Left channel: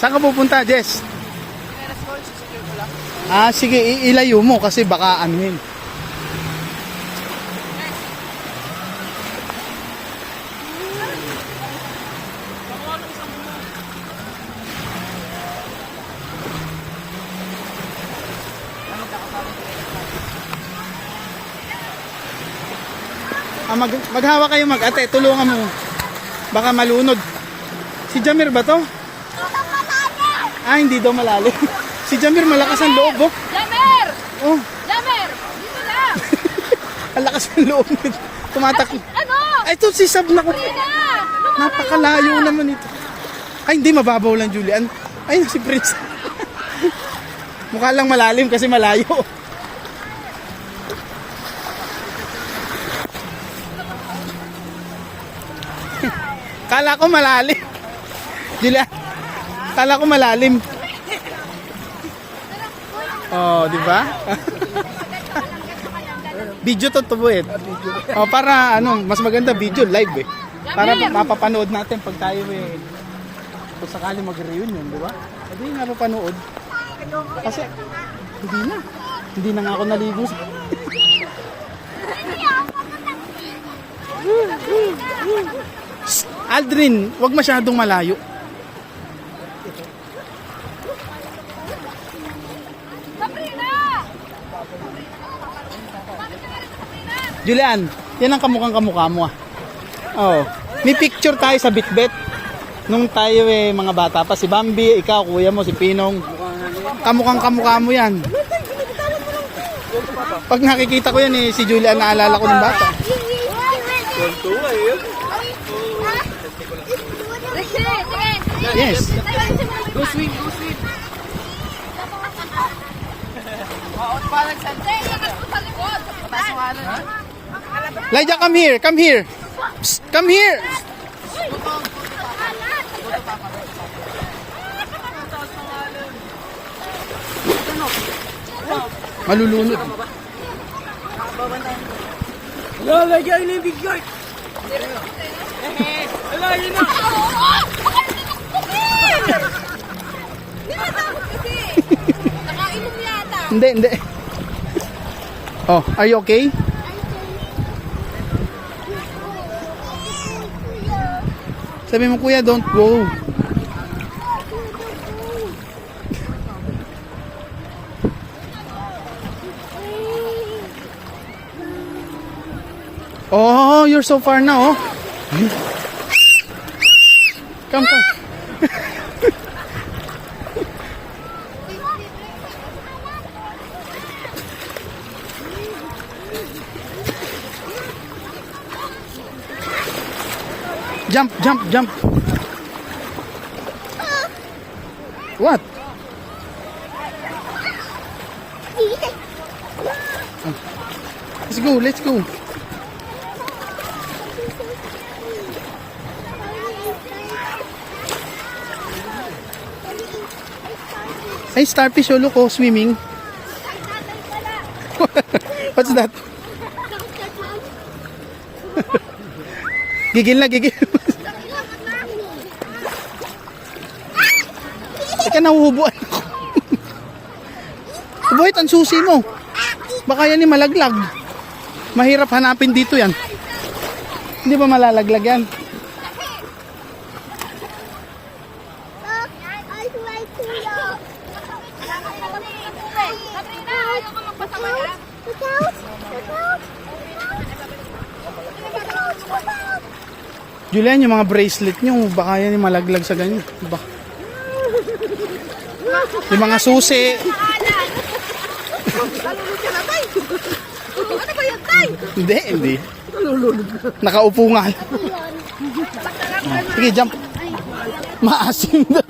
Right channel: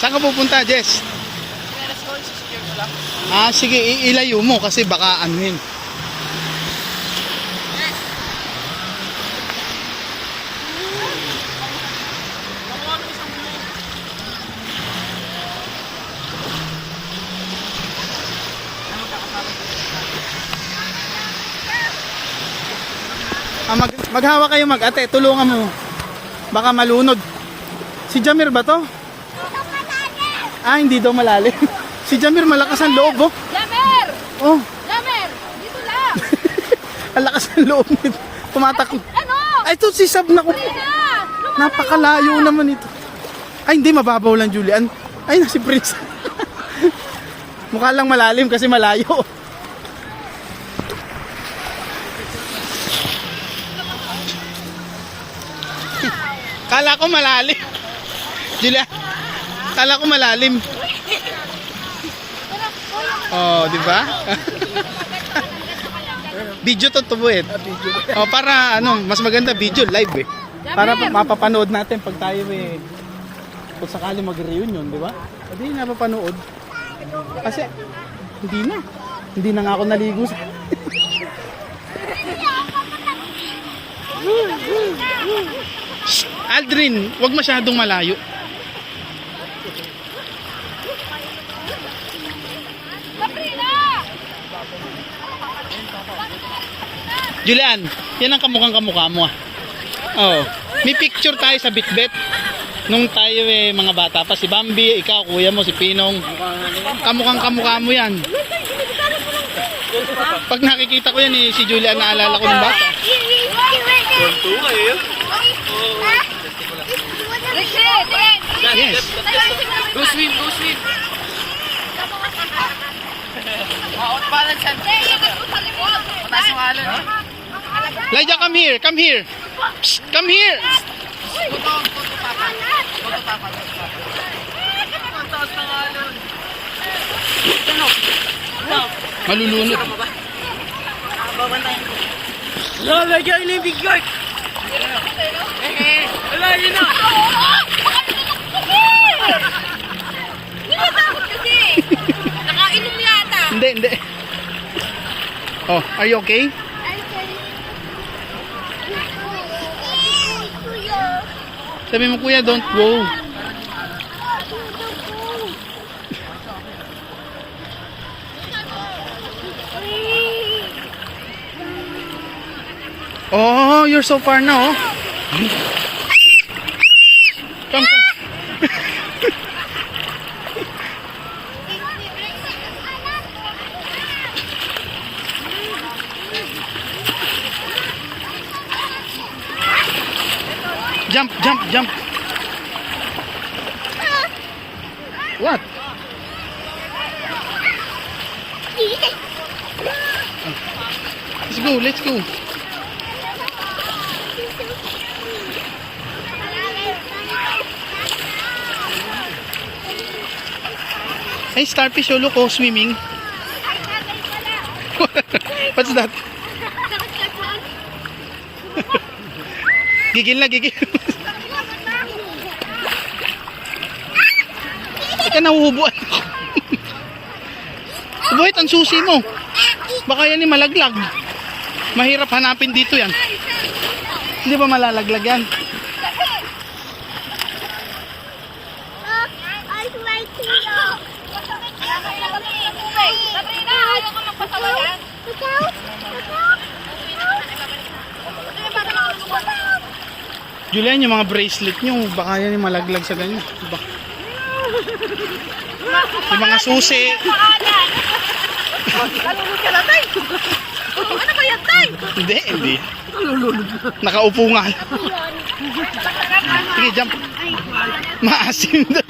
Saan ka pupunta, Jess? Let's go, secure ko lang. Ah, sige, ilayo mo kasi baka anuhin. Maghawa kayo mag-ate, tulungan mo. Baka malunod. Si Jamir ba to? Ah, hindi daw malalim. Si Jamir malakas ang loob, oh. Jamir! Oh, Jamir! Dito lang! ang lakas ng loob nito. Tumatak. Ano? Ay, ito si Sab na ko. Na! Napakalayo naman ito. Ay, hindi mababaw lang, Julian. Ay, si Prince. Mukha lang malalim kasi malayo. Kala ko malalim. Julia, kala ko malalim. Oh, di ba? Video to tubuin. Oh, para ano, mas maganda video live eh. Para mapapanood natin pag tayo eh kung sakali mag-reunion, di ba? Hindi nga papanood. Kasi hindi na nga ako naligo. Aldrin, wag masyadong malayo. Julian, yan ang kamukha mo ah. Oh, may picture tayo sa Bitbet. Nung tayo eh mga bata pa, si Bambi, ikaw, kuya mo, si Pinong. Kamukha mo yan. Pag nakikita ko yan eh, si Julian naalala ko ng bata. Yes. Go swim, go swim. Out balance yan. Mataas yung alon eh. Lydia, come here. Psst, come here. Go to papa. Go to papa. Mataas ng alon. Malulunod. Wala, lagyan yung big guard. Wala, yun na. Nakainom yata. Hindi. Oh, are you okay? Sabi mo, kuya, don't go. Oh, you're so far now, oh. Come. Jump. What? Let's go. Hey, starfish, oh, look, oh, swimming. What's that? Gigil. Teka, nahuhubuan ako. Buhit, ang susi mo. Baka yan yung malaglag. Mahirap hanapin dito yan. Hindi ba malalaglag yan? Julian, yung mga bracelet nyo, baka yan yung malaglag sa ganyan. Diba? Yung mga susi. Ano ba yan, tay? Hindi. Nakaupo nga. Sige, jump. Maasim na.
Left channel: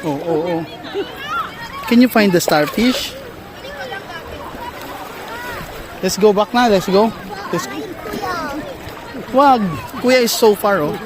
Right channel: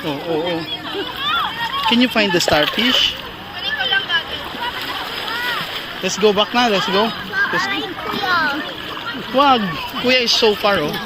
Oh. Can you find the starfish? Let's go back na. Let's go. Wag. Kuya is so far, oh.